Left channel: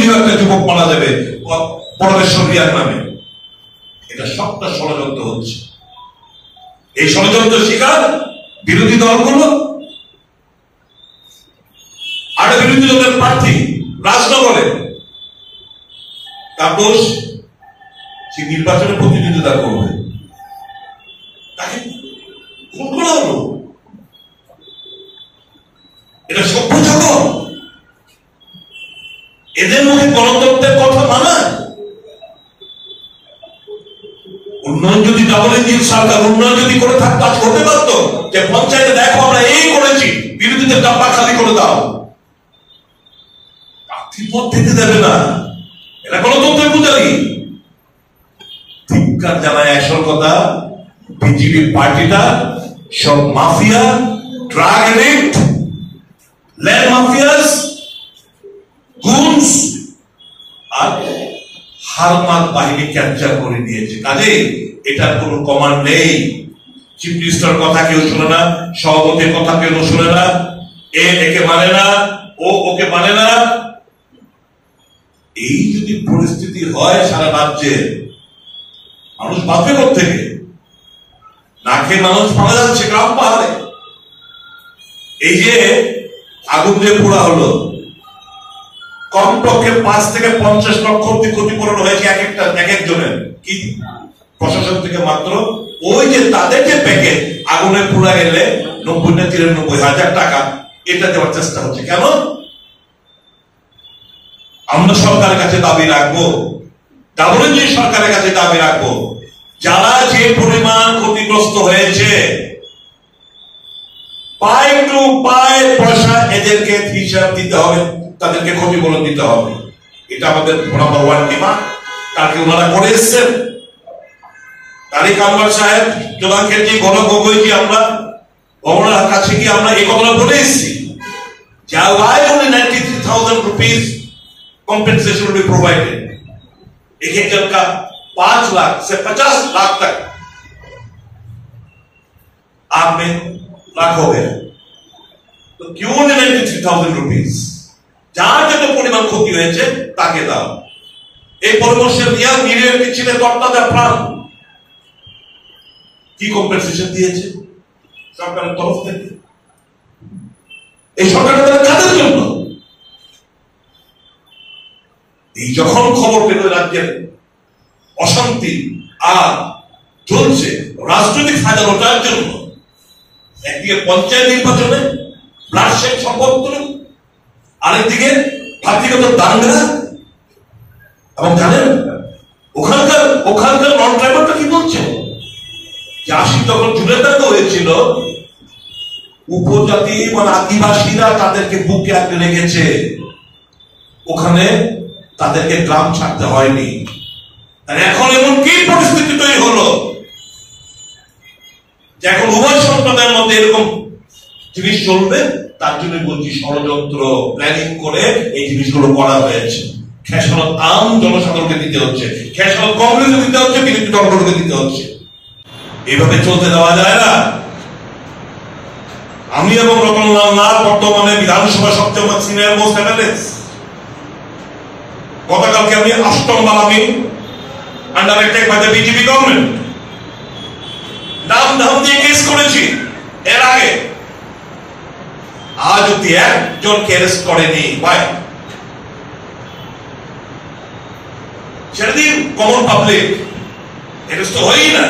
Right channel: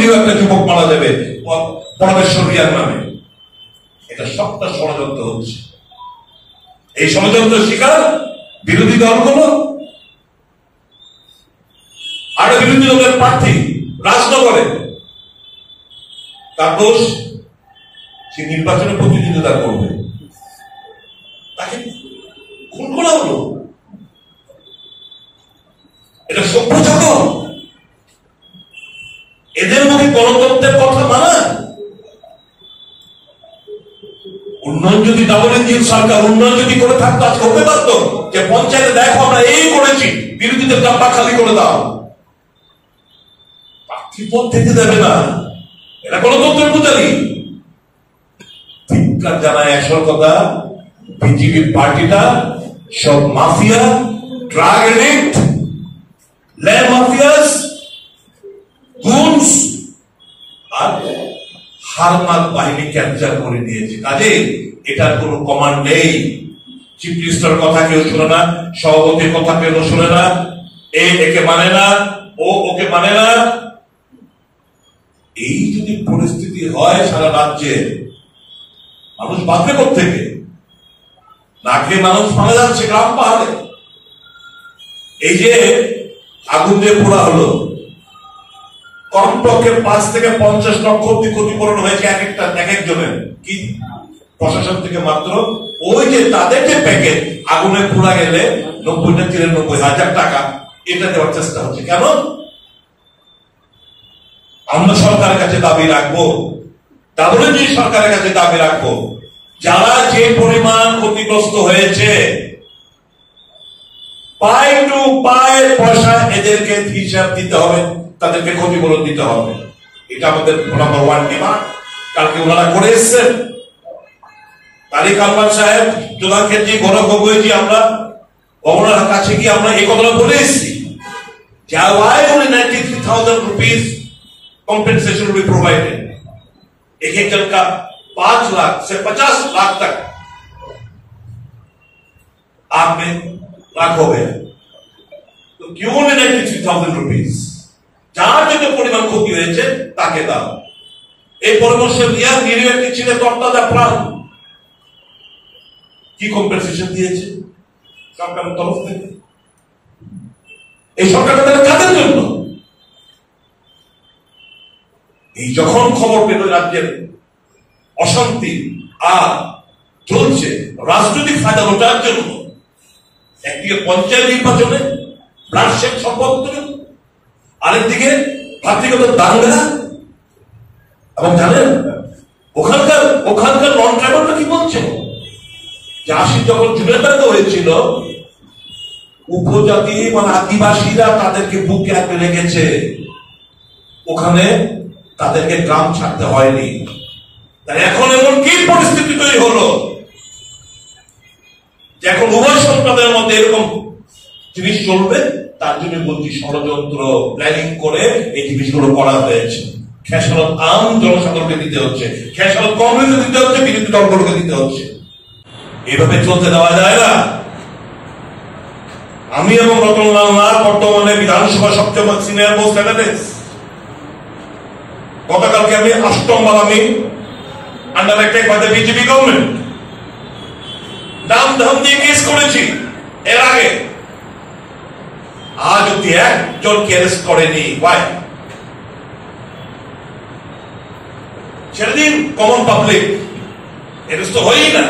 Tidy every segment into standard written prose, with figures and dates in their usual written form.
নিরীহ একটা যুবক মারা যাবে পরমেশ্বর রিয়ার নামে। এটা সবটা ষড়যন্ত্র হচ্ছে। এই ষড়যন্ত্র শিকার বিরোধী দলগুলো। আর বিরোধী দলের প্রার্থী রাজনগরে, তার দোষ, সে নির্বাচনে প্রতিদ্বন্দ্বিতা করবে, তাকে খুন করা হলো। এটা সভ্য জগৎ? এদের মুখে গণতন্ত্রের কথা মানায়? উন্নয়ন যদি ডাবল ইঞ্জিন সরকার উন্নয়ন যদি করে থাকতো, আজ হতে পারতো যে পঞ্চায়েতে দেখো আমরা এই করেছি, বিরোধীদের ডাব্বা খালি করে দাও। প্রার্থী পদ থেকে দেবে না, এটা গণতন্ত্রের পূজারি। ধিক্কার জানায় আসল কথা, বিজেপি পার্টিটা সব mafia, drug addict, land mafias, goons আর হারমাত বাহিনী ক্যাপচার করে নিয়েছে। কাজে এটার কোন কমান্ড নেই। চিফ মিনিস্টার কথা কেউ শুনে না, সভাপতির কথা কেউ শুনে না, একে মানে না, ওকে মানে না। এই যদি পরিস্থিতি হয় সারা রাজ্যে, মানুষ বাঁচবে কোত্থেকে? না খেয়ে মানুষ মারা যাচ্ছে গ্রাম পাহাড়ে। এই যে আগুন দিয়ে পোড়া হলো, কমপক্ষে 5 থেকে 50 লক্ষ ক্ষতিপূরণ হয়েছে এক একজনের। কি প্রশাসন থেকে মাত্র ওই যে তাদের যে প্যাকেজ, আগুনে পোড়া গেলে 90 না 93 হাজার টাকা, এটা দেওয়ার চেষ্টা হচ্ছে। কেন? আমরা সরকারের কাছে দাবি রাখবো, ডাবল ইঞ্জিন সরকারের কাছে দাবি রাখবো, যারা যে পরিমাণ ক্ষতিগ্রস্ত হয়েছে, পাই টু পাই পয়সা এদেরকে হিসাব দিতে হবে, তাদেরকে ক্ষতিপূরণ দিতে হবে। এটা আমাদের নাম্বার 1 ডিমান্ড। কালকে ওনারা করে এসছেন, তারিক আনোয়ার সাহেব, জোলান খেজি, গৌরব গগৈজি, আমরা গভর্নরের কাছে গিয়ে আমরা এই কথাটা বলে এসেছি, যা why only 93,000 rupees compensation will be provided। एक एक जन का 5 लाख से 50 लाख तक आप में लाख हो गया, तो क्यों only 93,000 rupees? যার যত পরিমাণ ক্ষতি হয়েছে তাকে দাও। এই পরামর্শ নিয়ে নিরীহ একটি ছেলে তত্ত্বাজা প্রাণ কি কম্পেনসেশন দিয়েছে সরকারের তরফ থেকে? এই সরকারের কাদের জন্য? এই যখন খবর পেল রাজ্যের অশান্তি আর চলছে রাজনৈতিক ফায়দা লোটার জন্য, একদিকে পঞ্চায়েত নির্বাচনে ব্লাডশেড সম্পর্ক, আরেকদিকে ভাতৃগত দাঙ্গা, এবং জানেন ওখানকার নন ট্রাইবালটা কি বলছে, যে 80 যখন জুনেদাঙ্গা হয়েছিল, উপজাতি মানে আদিবাসীরা তাদেরকে বুকে আঁকড়ে রেখেছে, ওখানে তাদেরকে গ্রাম ছাড়তে হয়নি। এখন এমন কি পরিস্থিতি তৈরি হলো যে এখন উভয় সম্প্রদায়ের মধ্যে এরকম জিনিস চলবে? তার জন্য বলছি ষড়যন্ত্র প্ল্যানিং করে এই জিনিসগুলো করা হয়েছে। খেসারত আম জনসাধারণকে দিতে হচ্ছে, খেসারত কংগ্রেসকে দিতে হচ্ছে, বিরোধী দলগুলোকে দিতে হচ্ছে। এইভাবে চলতে দেওয়া যায় না। আমি এবং রতনলাল নাথ বর্তমানে বিধানসভা সবচেয়ে সিনিয়র মোস্ট এমএলএস। গতকালকে আমি 8ম বালামি under attack by the BJP government নাম ধাম দিয়ে কেস করেছি এর আগে। আজ অব্দি একজনকে অ্যারেস্ট করেনি। ভাই ছেড়ে দিন, কমন পাবলিক অ্যারেস্ট তো হয়ই না।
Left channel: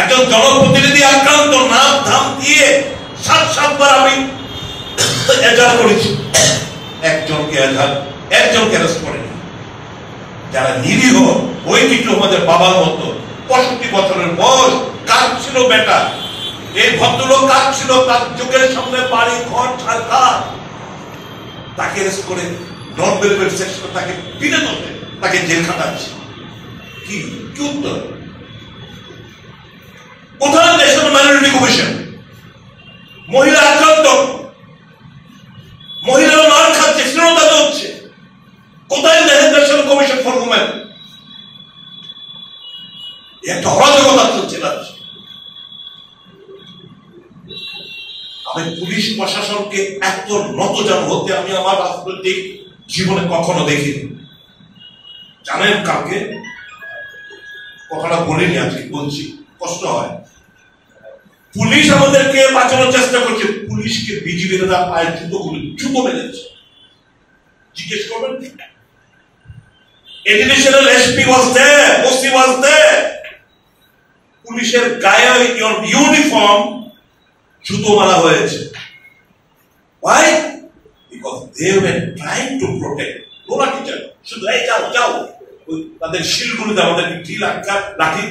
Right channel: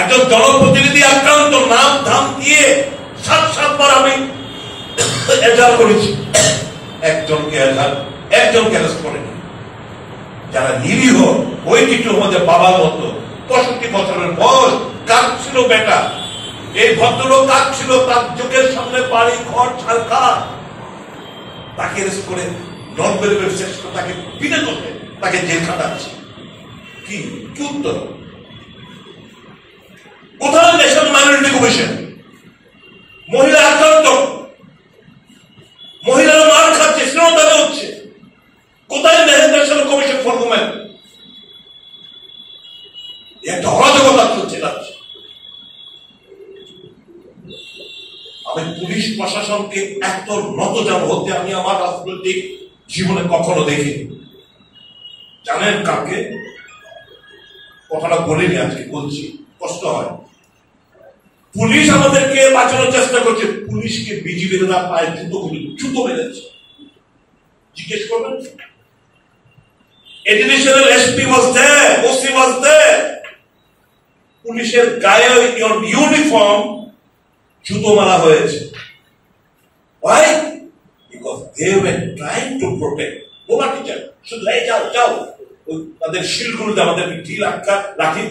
একজন জনপ্রতিনিধি আক্রান্ত, নাম ধাম দিয়ে 7-7বার আমি এজাহার করেছি, একজনকে অ্যারেস্ট করেনি। যারা নিরীহ, ওই কিছু আমাদের বাবার মতো 65 বছরের বয়স, কাঁদছিল বেটা, এই ভদ্রলোক কাঁদছিল, তার চোখের সামনে বাড়ি ঘর ছাড়খাড়, তাকে অ্যারেস্ট করে নন বেলেবেল সেকশন, তাকে বিনা দোষে তাকে জেল খাটাচ্ছে। কি উত্তর? কোথায় ন্যাশনাল মাইনরিটি কমিশন? মহিলা আক্রান্ত, মহিলারা মার খাচ্ছে, শ্লীলতাবে হচ্ছে, কোথায় ন্যাশনাল কমিশন ফর উমেন? একটা অরাজকতা চলছে রাজ্যে। আমি পুলিশ প্রশাসনকে এত নতজানু হতে আমি আমার রাজনৈতিক জীবনে কখনো দেখিনি। জানেন কাকে? কথাটা বলিনি, আজকে বলছি, কষ্ট হয়। পুলিশ আমাদেরকে বাঁচানোর চেষ্টা করছে, পুলিশকে বিজিবিরা পায়ে জুতো বেঁধেছে। জিজ্ঞেস করবেন, এডিশনাল এসপি ওয়াজ দেয়ার, ওসি ওয়াজ দেয়ার, পুলিশের গায়ে ইউনিফর্ম জুতো মারা হয়েছে। Why? Because they were trying to protect. নোলা টিচার শুধু এই যাও যাও, ওই তাদের শিলগুলোতে আমাদেরকে ঢিল আটকা লাঠি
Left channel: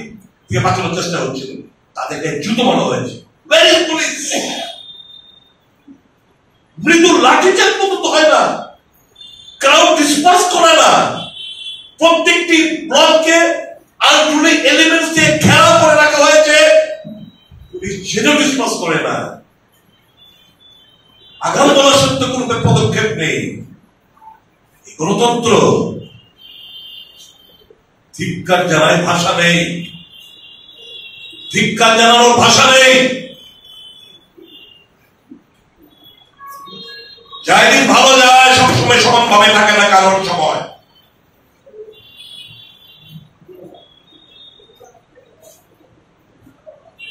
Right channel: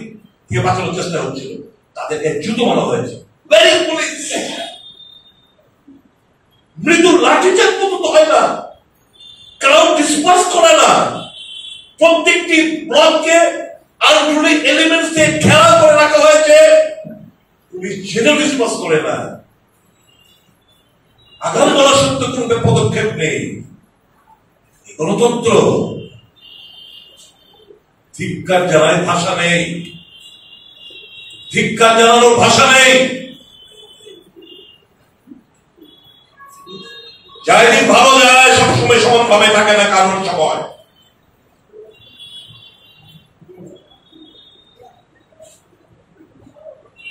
দিয়ে বাঁচানোর চেষ্টা হচ্ছিল, তাদেরকে জুতো মারা হয়েছে। ভেরি পুলিশ মৃদু লাঠিচার পর্যন্ত হয় না, ক্রাউড ডিসপার্স করে না, প্রত্যেকটি ব্লককে আনরুলি এলিমেন্টস দিয়ে ঘেরা করে রাখা হয়েছে, পুলিশ সেটাও ডিসপার্স করে না। আগাম বলা সত্ত্বেও কোন পদক্ষেপ নেই। গণতন্ত্র ধিক্কার জানায় ভাষা নেই, ধিক্কার জানানোর ভাষা নেই। যাই দিন ভালো যায় সবসময় সমানভাবে থাকে না কারোর সময়।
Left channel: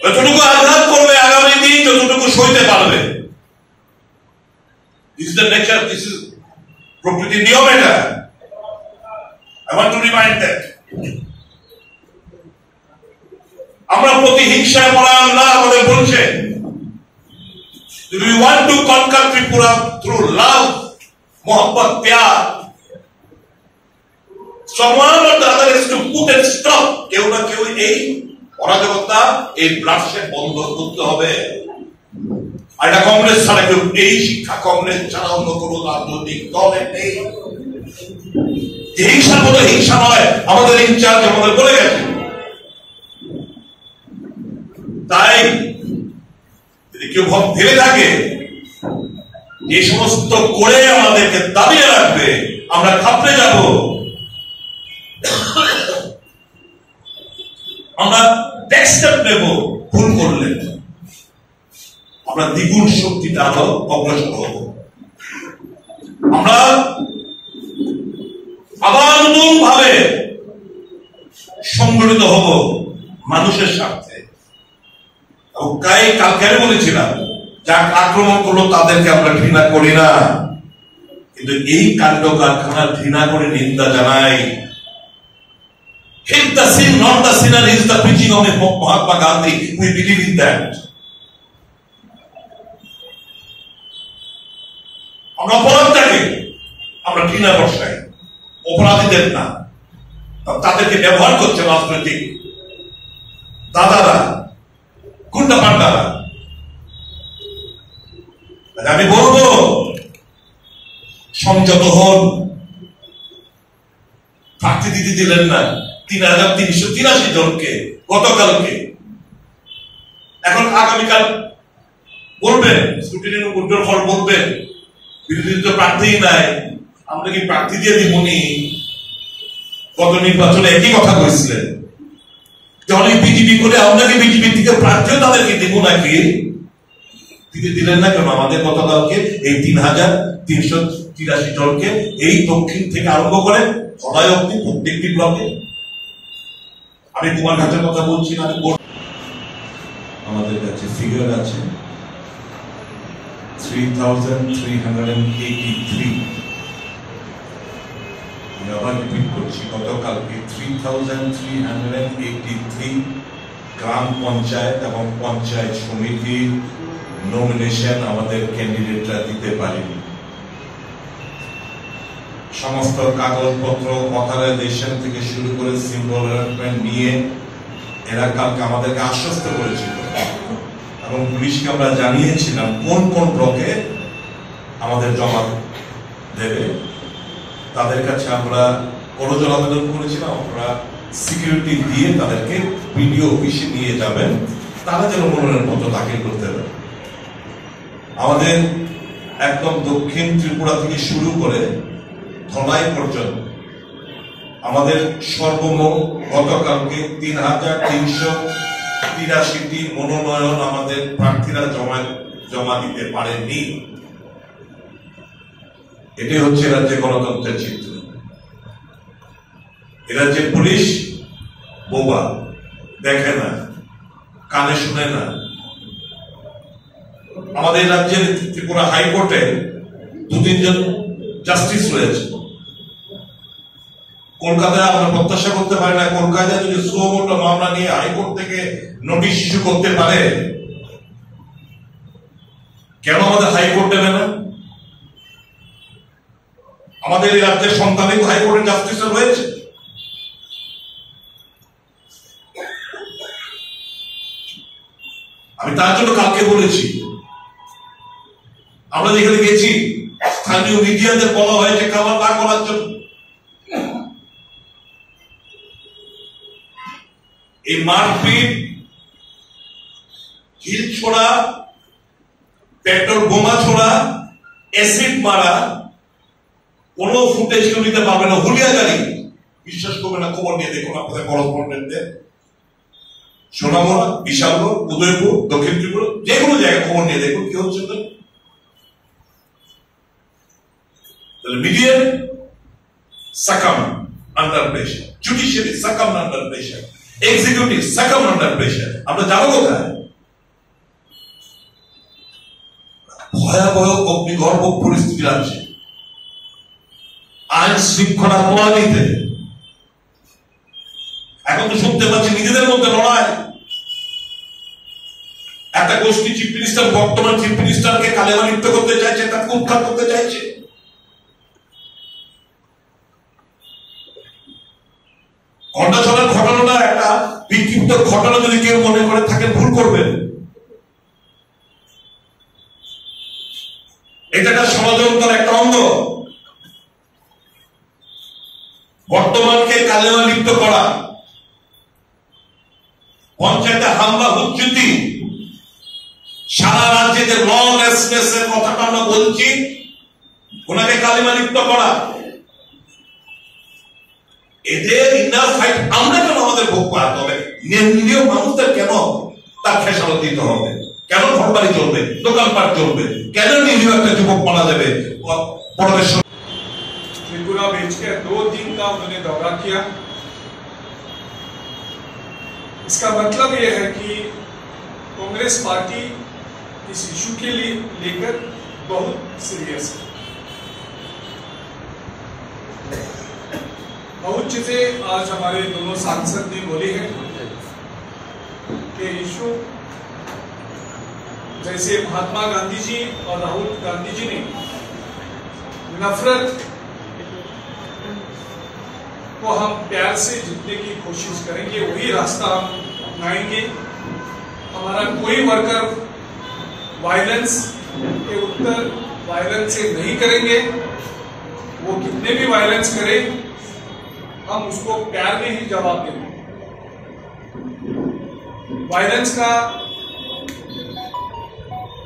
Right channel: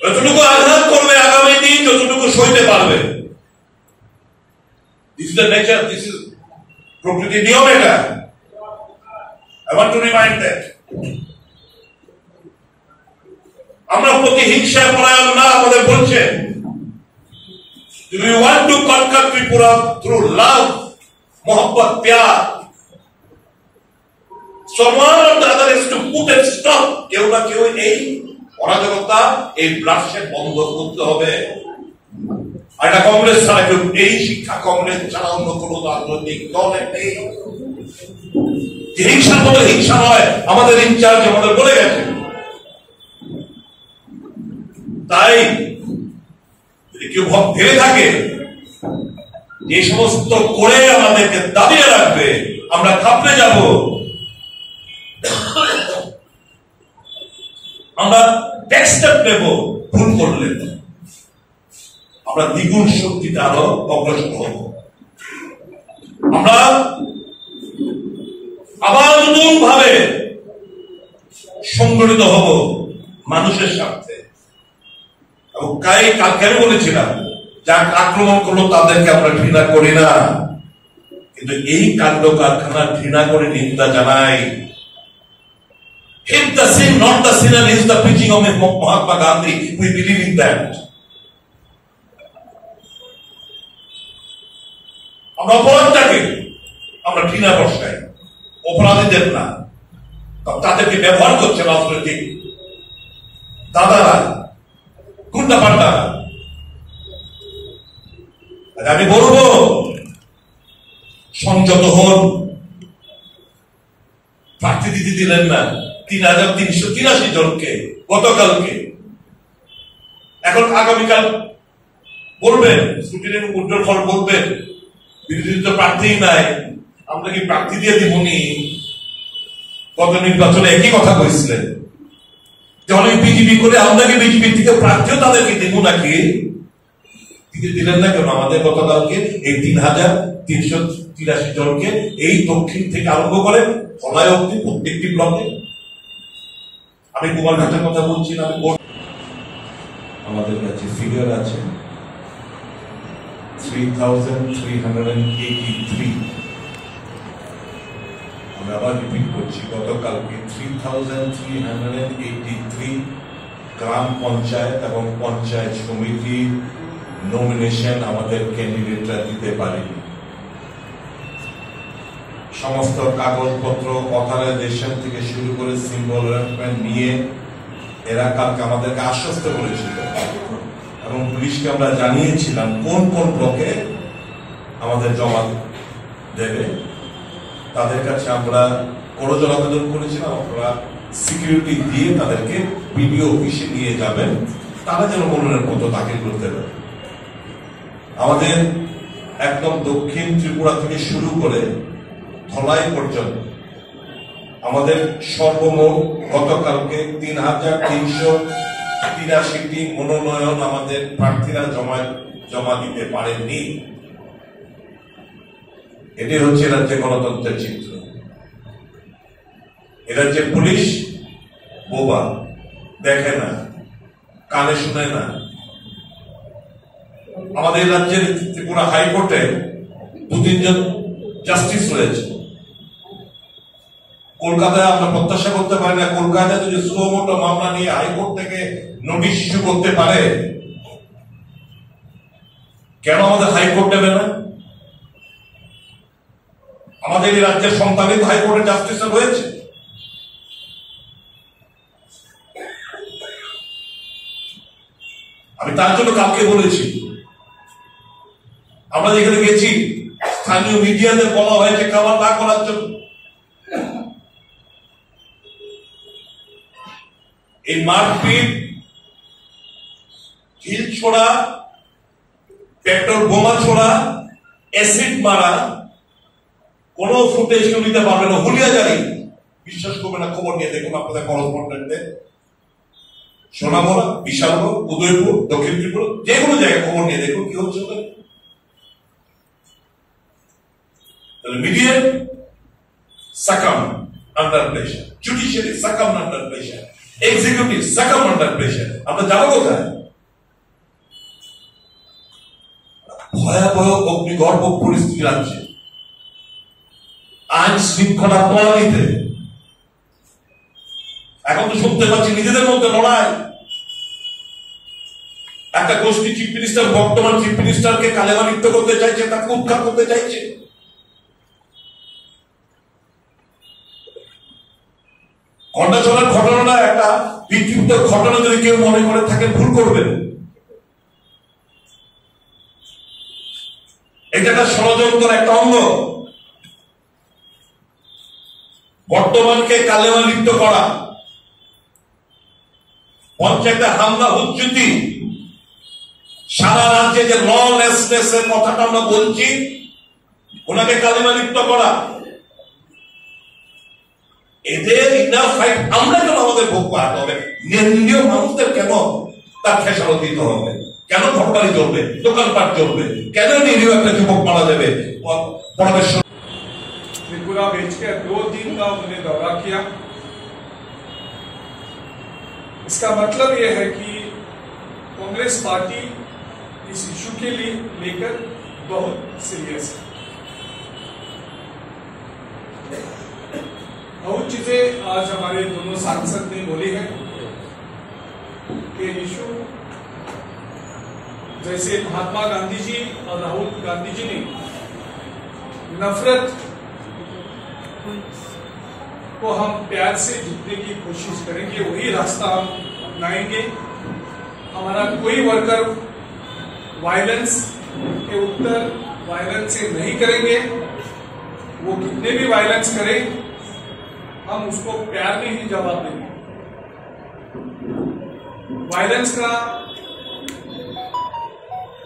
যতটুকু আঘাত করবে আগামী দিন যতটুকু সইতে পারবে। This is the nature, this is প্রকৃতির নিয়ম এটা। I want to remind that. আমরা প্রতিহিংসার পরায়ণ না বলে বলছে, we want to conquer Tripura through love, mohabbat, pyar. Someone or the other is to put and stop. কেউ না কেউ এই অরাজকতা, এই ব্লাডশেড বন্ধ করতে হবে। এটা কংগ্রেস ছাড়া কেউ, এই শিক্ষা কংগ্রেস ছাড়া অন্য কোন রাজনৈতিক দলের নেই। হিংসার মতো হিংসা নয়, আমাদের ইনচার্জ আমাদের বলে গেছে। তাই যদি কেউ ভেবে থাকে এই সমস্ত করে আমাদেরকে দাবিয়ে রাখবে, আমরা ঘাবড়ে যাব, আমরা টেক্সট নেব, ভুল করলে আমরা দ্বিগুণ শক্তিতে আরো অগ্রসর হব। আমরা আবার নতুন ভাবে সংগঠিত হব মানুষের স্বার্থে। কালকে আমি বলেছিলাম, যারা আক্রমণ করলো তাদেরকে আমরা ঘৃণা করি না, কিন্তু এই কাণ্ড কারখানা ঘৃণা করে নিন্দা জানাই। Hate the sin, not the sinner is the preaching of Mahatma Gandhi. We believe in that. আমরা অপরাধটাকে আমরা ঘৃণা বর্ষাই, অপরাধীদের না। তাদেরকে ব্যবহার করছে রাজনৈতিক দাদারা, গুন্ডা পান্ডারা। আমি বলবো সংযত হন। প্রার্থী দিতে দিলেন না ৩,৩৮৩ জনকে গতকালকে। এখন আগামীকাল বলবেন, স্ক্রুটিনির উজ্জ্বল ফল বলবেন, বিরোধী তো প্রার্থী নাই, আমরা কি প্রার্থী দিয়ে দিবনি? গত নির্বাচনে একই কথা কইছিলেন, অনেক বিজেপি করে আমরা কি বিজেপি থেকে প্রার্থীও তাদেরকে দিব নাকি? দিতে দিলেন না কেন? আমাদের গতকালকে এই ৩,৩৮৩ জনকে এই দক্ষিণ থেকে আরম্ভ করে ধলাই অব্দি প্রত্যেকটি ব্লকে। আমি কুমারঘাটের কথা বলছি না, আমাদের কাছে ফিগার আছে 3,383। আমি আবার রিপিট করছি, গতকালকে 3,383 গ্রাম পঞ্চায়েত এবং পঞ্চায়েত সমিতির নমিনেশন আমাদের ক্যান্ডিডেটরা দিতে পারেনি। সমস্ত কাগজপত্র অথরাইজেশন থেকে শুরু করে সিম্বল অ্যালটমেন্ট নিয়ে এরা কালকে আমাদেরকে আশ্বস্ত করেছিল এবং পুলিশকে আমরা জানিয়েছিলাম কোন কোন ব্লকে আমাদের জমা দেবে। তাদের কাছে আমরা করজোর আবেদন করেছিলাম, আমরা সিকিউরিটি দিয়ে তাদেরকে বিডিও অফিসে নিয়ে যাবেন, তারা যেন মনোনয়ন পত্র দাখিল করতে পারে। আমাদের একদম দক্ষিণ ত্রিপুরা থেকে শুরু করে ধলাই পর্যন্ত আমাদের সর্বমোট গতকালকে ৩,৩৮৩টি মনোনয়ন আমাদের প্রার্থীরা জমা দিতে পারেননি। এটাই হচ্ছে রাজ্যে গণতন্ত্রের চিত্র। এ রাজ্যে পুলিশ বোবা, দেখে না, কানে শুনে না। আমাদের রাজ্যের ত্রিপুরা হাইকোর্টে 2-3 জন জাস্টিস রয়েছে। কলকাতায় আমরা প্রত্যাশা করতে পারি না কলকাতায় যদি সুমোটো মামলা নিয়ে হাইকোর্ট থেকে নোটিশ ইস্যু করতে পারে, কেন আমাদের হাইকোর্ট দেবে না? আমাদের এই রাজ্যের সন্তানিত হাইকোর্টের জাস্টিস রয়েছে। আমি তার জন্য কালকে বলেছি, আমরা যেখানে গেছি স্থানীয় মিডিয়াদের বলা হয়েছে খাবার না করার জন্য। এই মারপিট, ঢিল ছোড়া, পেট্রোল বোমা ছোড়া, অ্যাসিড মারা কোন ফুটেজ কেউ নিতে পারবে না। হুলিয়াজারি বিশ্বাস করবে না, খবর নিয়ে দেখুন আপনাদের করসপন্ডেন্টদের। সোনামুড়া, বিশালগড়, উদয়পুর, দক্ষিণ ত্রিপুরা, যে কোনো জায়গায় খবর নিয়ে দেখুন কি হচ্ছে। তাহলে media succumb under pressure, judiciary succumb under pressure, executive succumb under pressure. আমরা যাবো কোথায়? ভয়াবহ অগ্নিগর্ভ পরিস্থিতি আছে। আইন শৃঙ্খলা প্রণালীতে এখন তো শুনতে পাচ্ছি নিজেদের মধ্যে লড়াই। একটা গোষ্ঠী চিফ মিনিস্টার, বর্তমান চিফ মিনিস্টারকে কালেমালিপ্ত করতে চাইছে, তাকে উৎখাত করতে চাইছে। ঘণ্টাছড়ার ঘটনাটা একটা বিক্ষিপ্ত ঘটনা যদি কেউ মনে করে থাকেন, ভুল করবেন। এটা একটা ষড়যন্ত্রের একটা অঙ্গ। বর্তমানকে কালেমা লিপ্ত করা, পঞ্চায়েতে হামলা, হুজ্জুতি, সারা রাজ্যে যে ললেসনেস এর কথাটা আমরা বলছি, ওনাকে কালেমা লিপ্ত করা, এদের ইনার ফাইট আমরা কেন আমাদের ভোগ পাওয়াতে হবে? নিরীহ মানুষদের কেন তার খেসারত দিতে হবে? কেন ঘরবাড়ি চলবে, দোকানপাট চলবে? কেন নিরীহ একটা যুবক মারা যাবে? त्रिपुरा बेच के 2 दिन का उन्होंने दौरा किया। इसका मतलब यह है कि कांग्रेस पार्टी इस इशू के लिए लेकर बहुत सीरियस है। बहुत चीजें आज हमारे दोनों सांसद ने बोली है कि इशू जैसे महात्मा गांधी जी और राहुल गांधी जी ने नफरत को हम प्यार से जीतने की कोशिश करेंगे, वही रास्ता हम अपनाएंगे। हमारा कोई वर्कर वायलेंस के उत्तर वायलेंस से नहीं करेंगे। वो कितने भी वायलेंस करे, हम उसको प्यार में ही जवाब देंगे। वायलेंस का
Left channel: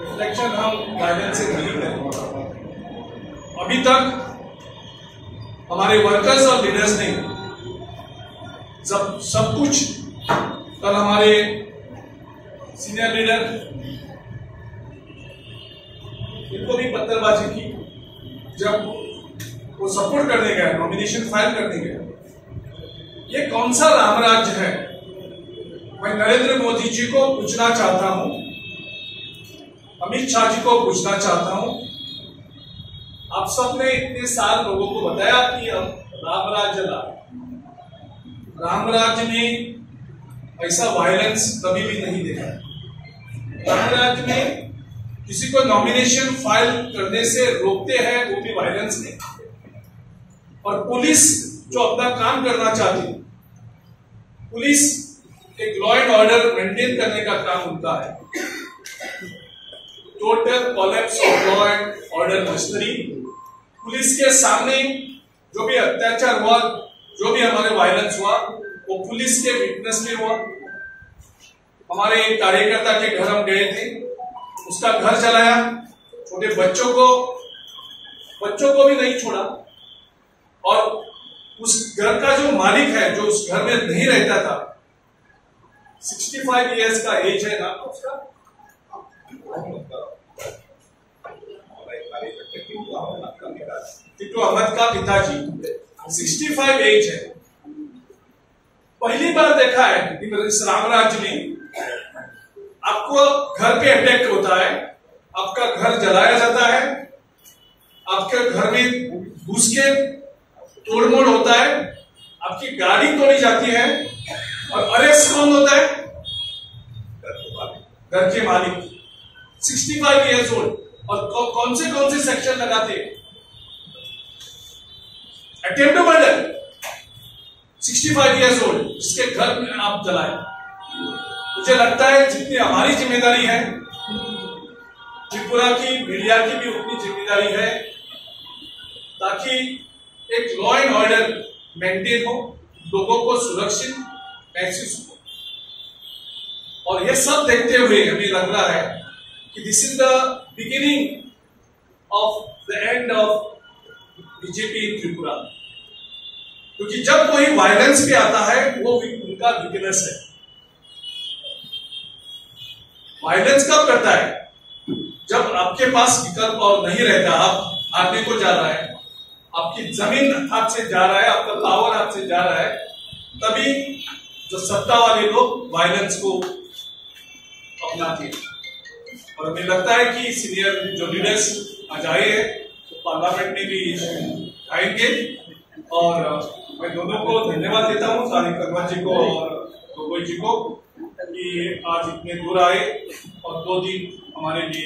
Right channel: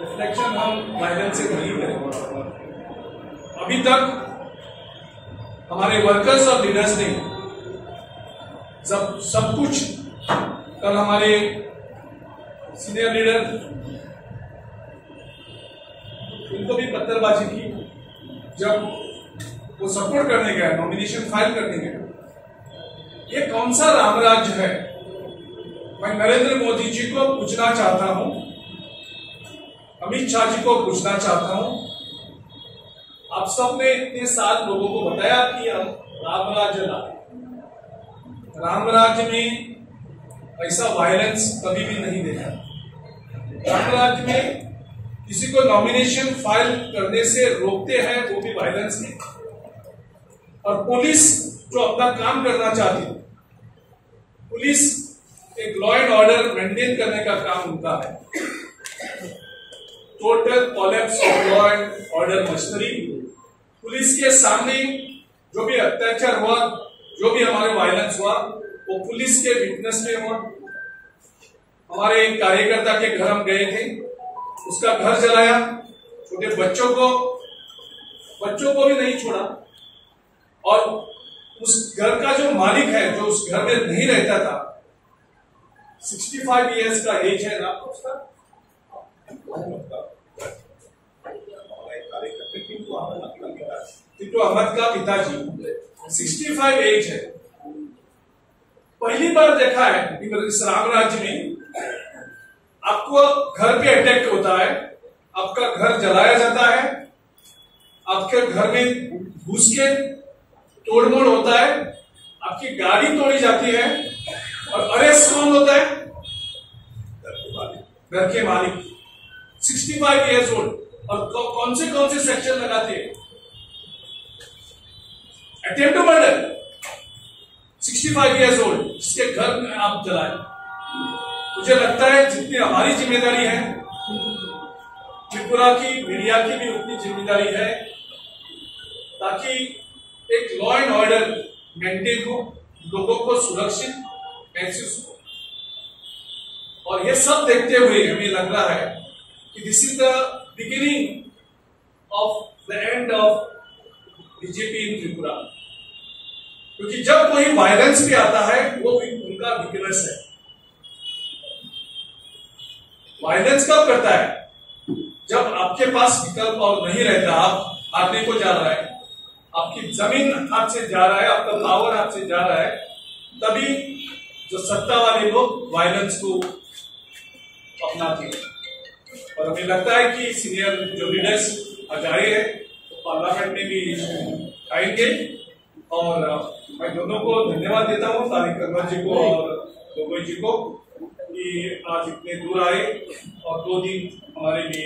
रिफ्लेक्शन हम वायलेंस से नहीं करेंगे। अभी तक हमारे वर्कर्स और लीडर्स ने सब कुछ, कल हमारे सीनियर लीडर इनको भी पत्थरबाजी की जब वो सपोर्ट करने गया, नॉमिनेशन फाइल करने गया। ये कौन सा राम राज्य है? मैं नरेंद्र मोदी जी को पूछना चाहता हूं, अमित शाह जी को पूछना चाहता हूं, आप सबने इतने साल लोगों को बताया कि हम राम राज्य लाए। राम राज्य में ऐसा वायलेंस कभी भी नहीं देखा। राम राज्य में किसी को नॉमिनेशन फाइल करने से रोकते हैं, वो भी वायलेंस नहीं। और पुलिस जो अपना काम करना चाहती, पुलिस एक लॉ एंड ऑर्डर मेंटेन करने का काम उनका है। Total collapse of law and order machinery, police के सामने जो भी अत्याचार हुआ, जो भी हमारे वायलेंस हुआ, वो पुलिस के विटनेस में हुआ। हमारे एक कार्यकर्ता के घर हम गए थे, उसका घर जलाया, छोटे बच्चों को भी नहीं छोड़ा। और उस घर का जो मालिक है, जो उस घर में नहीं रहता था, 65 इयर्स का एज है ना उसका, कार्यकर्ता टिटू अहमद का पिताजी 65 एज है। पहली बार देखा है इस राम राज्य में आपको घर पे अटैक होता है, आपका घर जलाया जाता है, आपके घर में घुस के तोड़मोड़ होता है, आपकी गाड़ी तोड़ी जाती है और अरेस्ट कौन होता है? घर के मालिक। 65 इयर्स ओल्ड। और कौन से सेक्शन लगाते हैं? Attempt to murder. 65 years old जिसके घर में आप जलाए। मुझे लगता है जितनी हमारी जिम्मेदारी है, त्रिपुरा की मीडिया की भी उतनी जिम्मेदारी है ताकि एक लॉ एंड ऑर्डर मेंटेन हो, लोगों को सुरक्षित महसूस हो। और ये सब देखते हुए हमें लग रहा है कि this is the beginning of the end of BJP in Tripura. क्योंकि जब कोई वायलेंस पे आता है वो उनका वीकनेस है। वायलेंस कब करता है? जब आपके पास विकल्प और नहीं रहता, आप हारने को जा रहा है, आपकी जमीन हाथ से जा रहा है, आपका पावर हाथ से जा रहा है, तभी जो सत्ता वाले लोग वायलेंस को अपनाते हैं। और हमें लगता है कि सीनियर जो लीडर्स आज आए हैं तो पार्लियामेंट में भी आएंगे। और मैं दोनों को धन्यवाद देता हूँ, तारिक अनवर जी को और गोगोई जी को, कि आज इतने दूर आए और 2 दिन हमारे लिए